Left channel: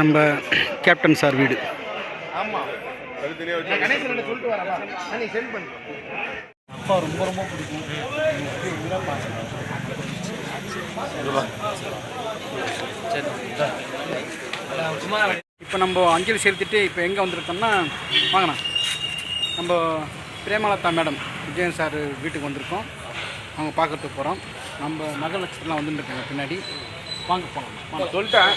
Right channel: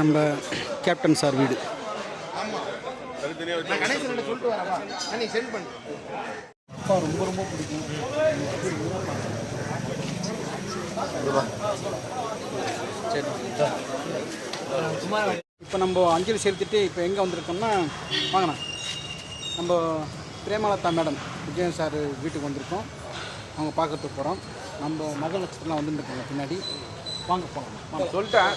நம்ம captain sir வீடு. அப்பா ரொம்ப ரொம்ப பிடிக்கும். இப்போ நம்ம அஞ்சலி செலுத்திட்டு இப்போ எங்கே வந்திருக்கோம்னா, வாங்கண்ணா, நம்ம பிரேமலதா மேடம் விஜயன் சார் வீட்டுக்கு வந்திருக்கோம். அவங்க பார்க்கறதுக்கு போகிறோம். நம்ம நகர் நட்சத்திரம்லாம் வந்துட்டுருக்காங்க பின்னாடி. வாங்க போகலாம். வாங்க சொல்லிட்டேன்.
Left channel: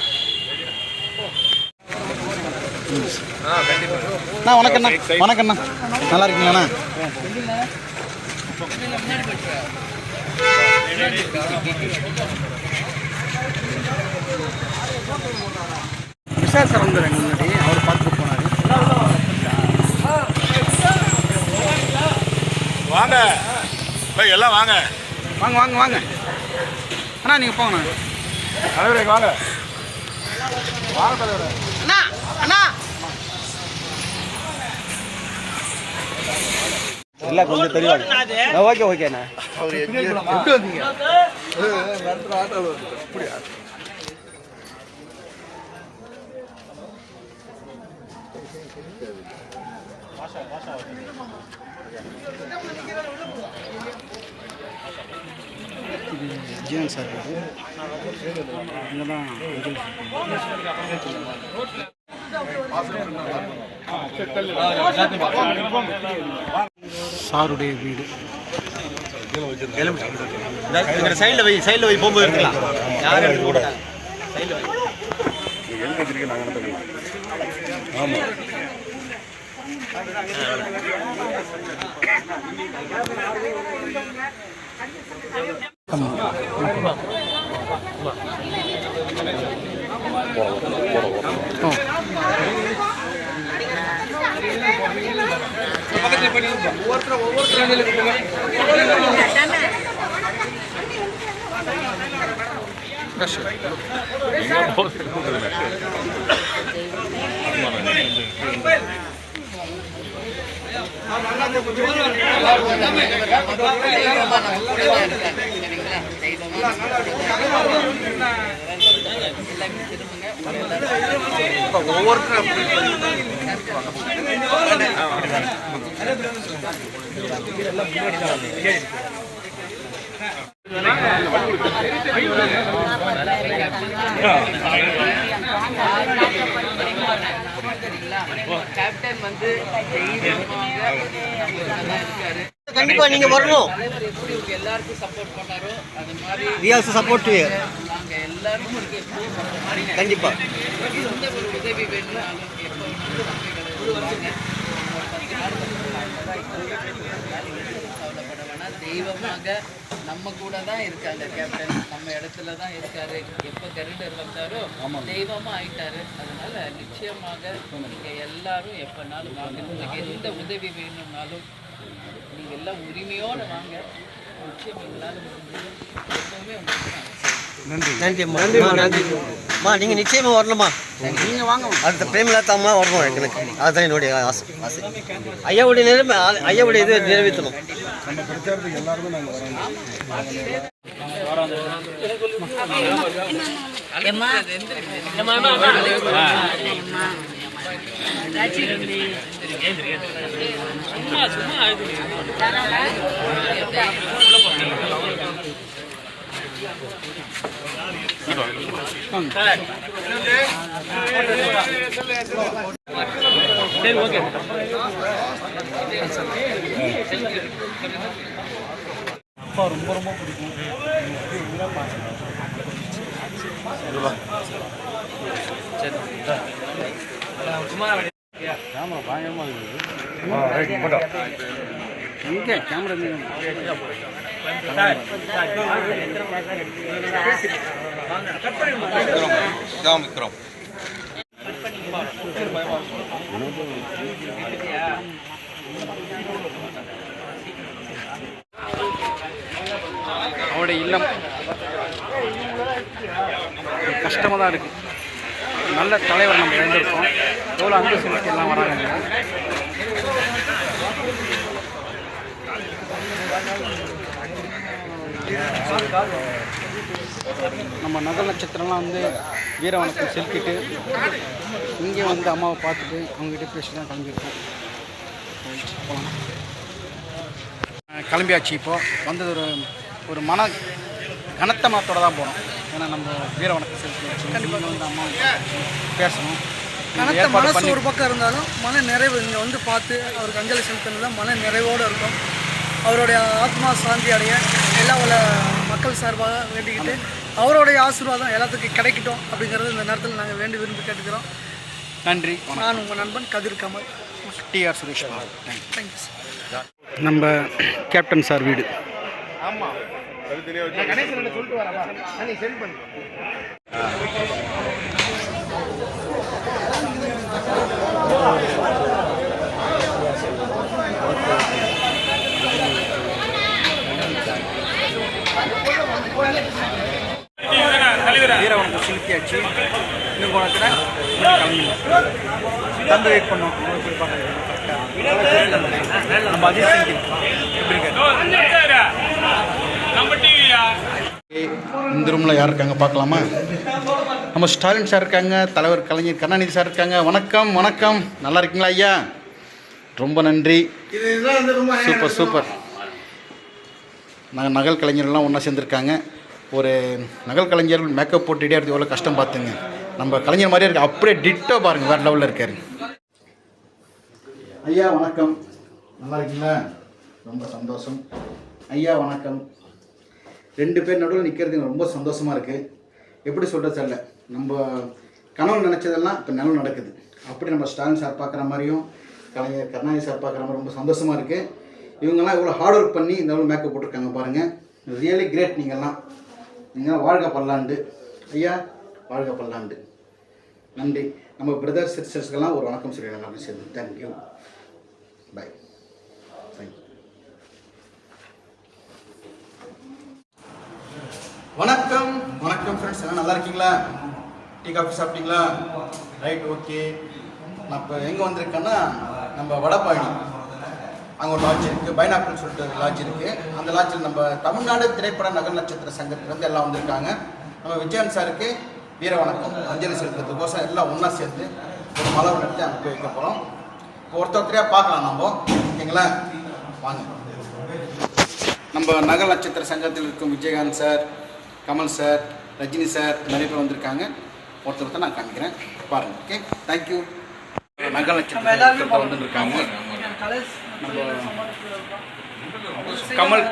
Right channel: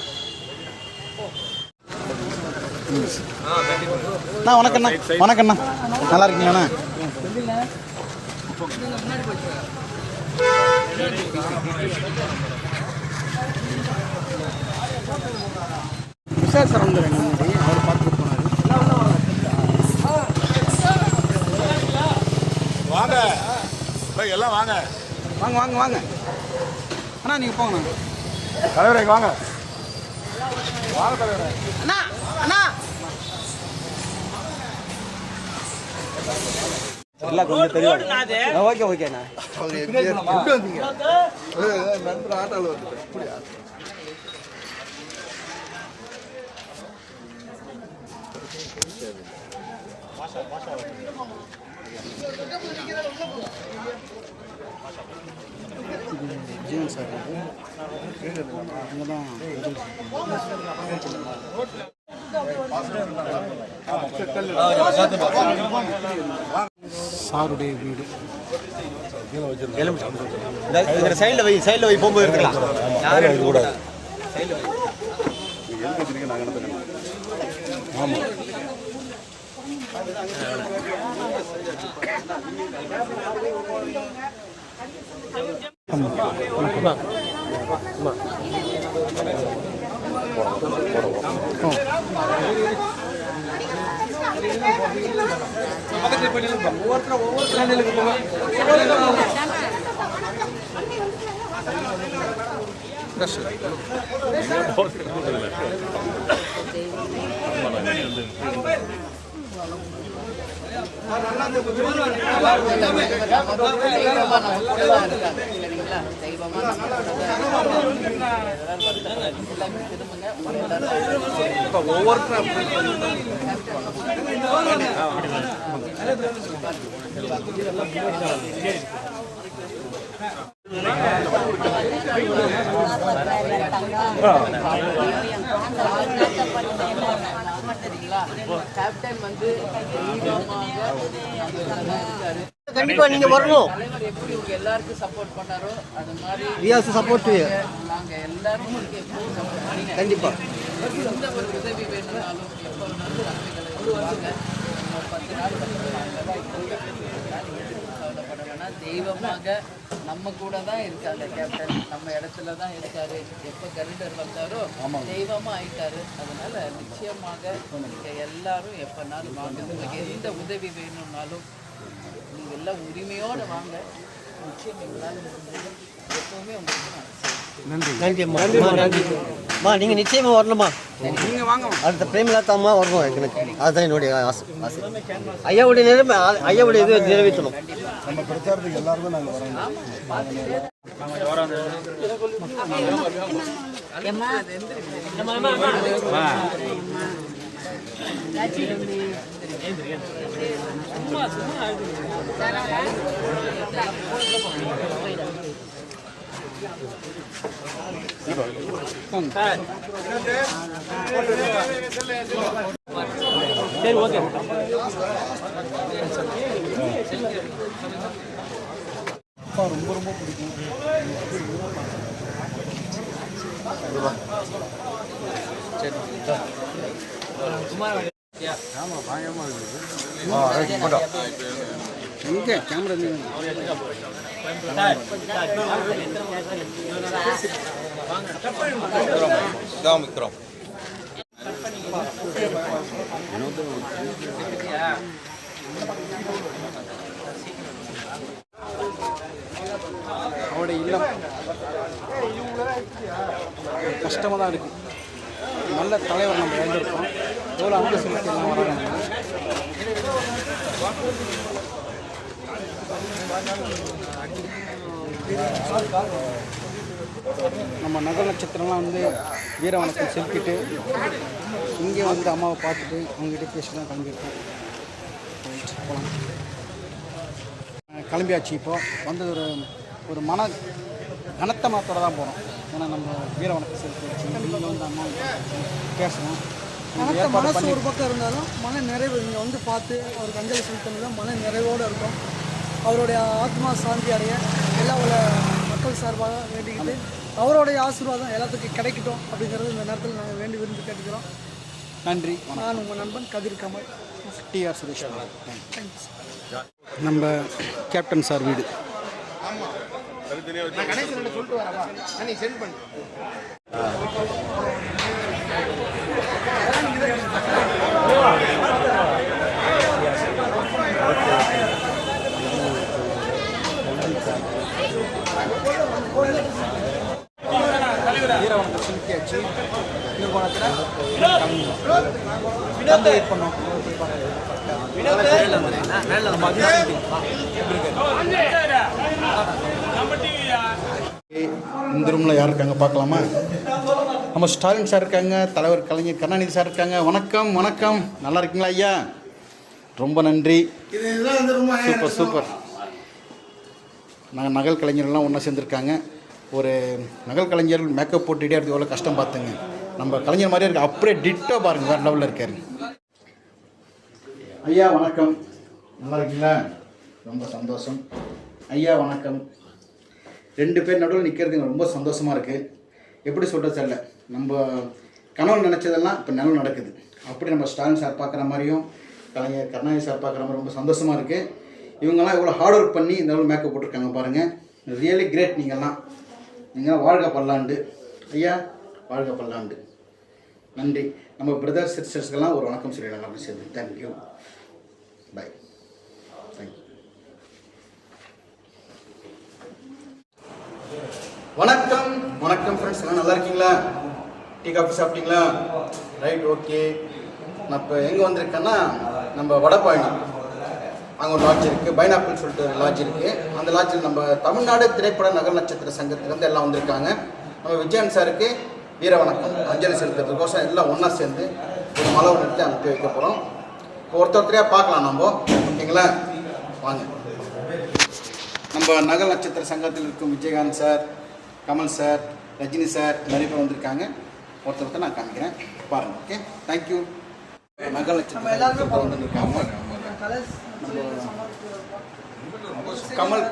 அண்ணா வணக்கண்ணா. வணக்கண்ணா, நல்லா இருக்கீங்களாண்ணா? விஷால் சார் வந்துடுறாங்க முன்னாடி. அவர் பார்த்துட்டு போனார். வாங்க எல்லாம் வாங்க வாங்க வாங்க வாங்க அண்ணா, நீங்கள் போங்கண்ணா. தலைவரை வாங்க வாங்க தலைவரை. அண்ணா அண்ணா இல்லை, கொஞ்சம் தெரியும். ஓகே ஓகேண்ணா. விஜயன் சார் இங்கே தான் சாருடைய வீடு. சைடில் போய் போகும்போது எடுத்துக்கலாம். யாரும் கூட ஆமாம் கேப்டன் வந்து கண்டிப்பா நீங்க வரணும். எப்படி உங்க எல்லாருக்கும் சப்போர்ட் பண்ணாரோ அது மாதிரி சப்போர்ட் நாங்க எல்லாரும் கண்டிப்பா. எந்த ஒரு உதவி வேணும்னாலும் எப்போ வேணாலும் வாங்க. ஒரு 10 நாள் கவலைப்பட வேணாம். தெய்வமாக நம்ம கூட தான் இருக்காங்க. கேப்டன் நம்ம இடத்துல தான் இருக்காரு. எப்போ கரிடர் வந்தாரோ தெய்வமா ஆயிட்டாரு. அதனால நிச்சயமாக நீங்க எல்லாரும் எப்பனாலும் வாங்க. உங்களுக்கு எந்த உதவி வேணும்னாலும் நீங்க எல்லாம் உரிமையோடு வாங்க. நிச்சயம் எங்களால் எப்பவுமே உங்களுக்கு நான் நன்றி. நன்றி நன்றிம்மா. நீங்க நிச்சயமா வரணுமா? நீங்க வாங்க. அடுத்த பிரேமலதாமா வரணும். எனக்கு அதுதான் என்னுடைய ஆசை. ஐயாவுடைய இது நிறைவேற்றணும். நம்ம பிரச்சாரத்துக்கு எல்லாருமே நாங்கள் வரோம். சரி, ஓகே. அப்பா ரொம்ப ரொம்ப பிடிக்கும். கேமரா பயங்கரமாக இருக்குது. இங்கே கேமரா விக்ரம் அவருடைய இல்லம் கஷ்டமாக தான் இருக்குது. நல்ல தலைவர் நம்ம இழந்திருக்கோம். எவ்வளோ அன்பு செலுத்தி எல்லாம் வராங்க. நம்ம நகர் நட்சத்திரம்லாம் வந்து வீர வணக்கம் செலுத்திட்டு இங்கே வந்து அம்மாவை பார்த்துட்டு அவங்ககிட்ட பேசி தான் கிளம்பியிருக்கோம். போகலாம். கிளம்பியாச்சு. இப்போது வந்தது ஒரு கனத்த மனத்தோடு தான் போகிறோம். ஏன்னா நம்ம வீர வணக்கம் செலுத்தியாச்சு. கண்டிப்பாக வந்து அம்மாவை பேசணும். கனத்த மனசு ஒரு பக்கம் இருந்தாலும் மன நிறைவு இங்கே வந்து பார்த்து அவருக்கு அஞ்சலி செலுத்தினது தான் மன நிறைவோடு இருக்கும். அவருடைய ஆத்மா சாந்தி அடைய எல்லா உள்ள மக்கள் சார்பாக வேண்டிக்கிட்டு அவருடைய ஆசீர்வாதம் எல்லாத்துக்கும் கிடைக்கட்டும் அப்படிங்கிறது இந்த நேரத்தில் நாங்கள் வேண்டி விரும்பி கேட்டுக்கிறோம். நன்றி. நான் உங்கள் நண்பன் Kathir Kamal. TR Suresh. Thank you sir. நம்ம கேப்டன் சார் வீடு. வீரவனுக்கு செலுத்தியாச்சு. இன்னும் போனத்தில் கிளம்பிடலாம். வந்து வெயிட் பண்ணோம். நம்ம அஜித் சிங் எப்படி இருக்காரு? இந்த ரூமில் யார் இருக்காங்க பார்க்கலாமா? நம்ம ஸ்டாலின் சார் இருக்காங்க, தலைவர் கலைஞர் கருணாநிதி சார் இருக்காங்க. வணக்கம் வணக்கம், நல்லா இருக்கீங்களா ஐயா? ரொம்ப நன்றி. Super super. நாங்கள் நகல் கலைஞர்லாம் ஒன்றா சேர்ந்துருக்காங்க. ஒரு நகல் கலைஞர் மேக்கப் போட்டு இடையாது எவ்வளோ கஷ்டம் பார்த்துங்க. நம்ம கலைஞர் மாதிரியே இருக்கு, அப்படியே டிட்டோ பாருங்கள், வேறு லெவலில் இருக்காரு. ஐயா வணக்கம், நல்லா இருக்கீங்களா? ரொம்ப சந்தோஷம். ஐயா வணக்கம். 2 பேர் நடுவில் நிற்கிறது ரொம்ப சந்தோஷமாக இருக்குது. எப்படி சொல்கிறது தெரியல. நம்ம கனவு நினச்சதெல்லாம் இப்போ நினைவு நடக்குது. அப்படி நம்ம ஸ்டாலின் சார் பார்க்குற மாதிரியும் கலைஞர் கருணாநிதி சார் பார்க்குற மாதிரி ரொம்ப சந்தோஷமாக இருக்குது. இவங்கெல்லாம் இவ்வளோ ஹார்ட் ஒர்க் பண்ணி இந்த அளவு மேக்கப் போட்டிருக்காங்க பாருங்கள். Really great. நீங்கள்லாம் வாழ்க பல்லாண்டு. ஐயா வாழ்க பல்லாண்டு. நன்றி. நம்ம பிரதர்ஸ் சிஸ்டர்ஸ்க்கெல்லாம் ஒரு வணக்கம் சொல்லிடலாம் எல்லாமே சேர்ந்து. தேங்க்யூ. பாய். தேங்க்யூ. வணக்கம் வணக்கம் ஃப்ரெண்ட்ஸ், எல்லாம் நல்லா இருக்கீங்களா? டீ காஃபி சாப்பிட்டீங்களா? Right, okay. நான் இப்போ எங்கே வந்திருக்கேன்னா நம்ம வடபாணி, அங்கே ஒரு லாட்ஜ் இருக்குது, பைனாப்பிள்னு சொல்லிட்டு ஒரு லாட்ஜ் இருக்குது. அந்த லாட்ஜில் நம்ம தமிழ்நாடு திரைப்பட நகர் நட்சத்திர சங்கத்திலேருந்து எல்லாம் வந்திருக்காங்க. நம்ம விஜயன் சாருக்கு வீர வணக்கம் அஞ்சலி செலுத்துறதுக்கோசம் எல்லாம் ஒன்றா சேர்ந்து ஒரு மலர் எடுத்து அங்கே போய் வைக்க போகிறோம். இப்போ ஒருத்தரையாக பார்க்கலாம் நம்ம, ஓகேங்களா? வாங்க. நம்ம நகர் நட்சத்திர சங்கத்தில் இருக்கும் Vijayakanth sir, Kamal sir, Rajini sir நிறைய பேர் வந்திருக்காங்க. ஒருத்தர் நான் காமிக்கிறேன் பாருங்கள். Okay, thank you. நகர் நட்சத்திர வந்துருக்காங்க. நம்ம கமல்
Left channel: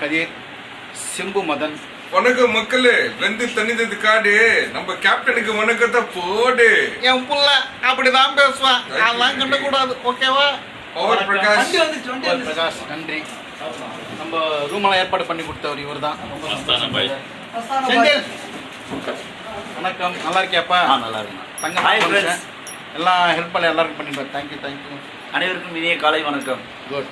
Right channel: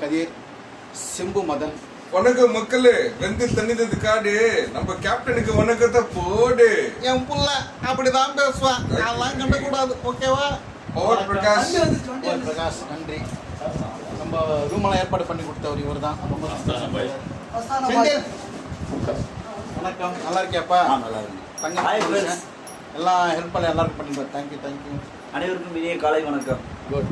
கதிர், சிம்பு மதன். வணக்கம் மக்களே, வெந்து தண்ணிது காடு. நம்ம கேப்டனுக்கு வணக்கத்தை போடு. என் புள்ள அப்படிதான் பேசுவான், அதெல்லாம் கண்டக்கூடாது, ஓகேவா? பவர் பிரகாஷ். பிரகாஷ் நன்றி. நம்ம ரூமெல்லாம் ஏற்பாடு பண்ணி கொடுத்தவர் இவர் தான். வணக்கம், நல்லா இருக்கியாப்பா? நல்லா இருக்கும். தங்க எல்லாம் ஹெல்ப் பண்ண எல்லாருக்கும் பண்ணிட்டு. தேங்க்யூ. அனைவருக்கும் இனிய காலை வணக்கம். குட்.